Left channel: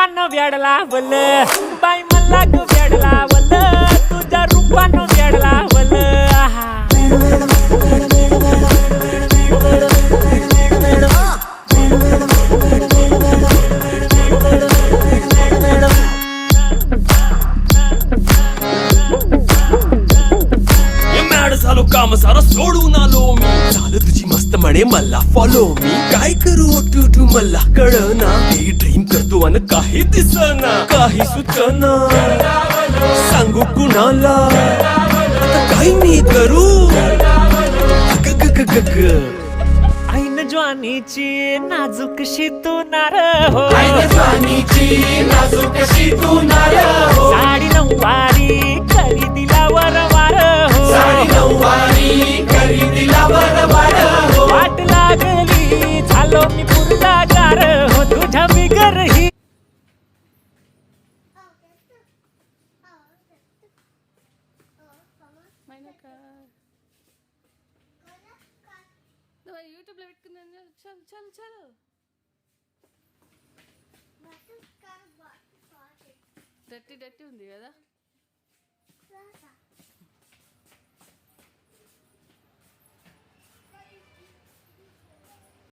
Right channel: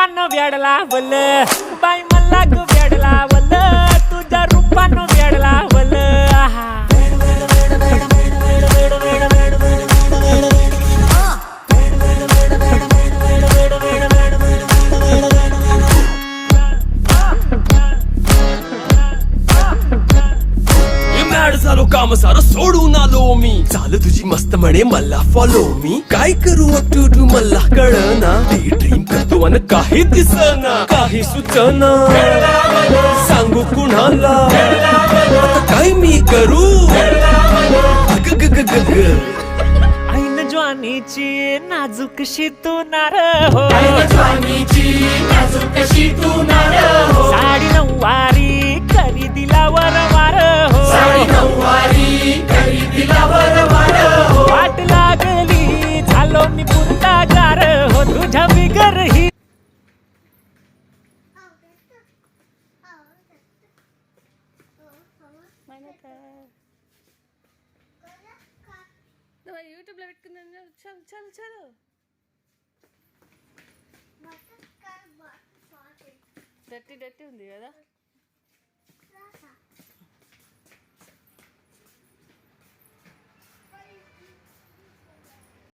रूपानं वेड लावल बाई मला ग वेड लावल तुझ्या रूपानं वेड लावल झालो काम सारा सोडून आलो मी चाल तुझी मस्त म्हणे मला फॉलो मी काय करू टू मला कळना ड्रीम करतो आणि काही दिसना काही सुचना सांगू कुणाला आता काय मी करू ऐन ज्वानीची नाजूकशी तू नार हो साडी नऊवारी करी दिला वरवार हो वाट लागली झालो मी पुरता गार हो तुझ्या बिगर ही యూట్యూబ్లో పెట్టుకున్నాను చల్ చల్ చలో డట్టి డట్టి ఉంది కదా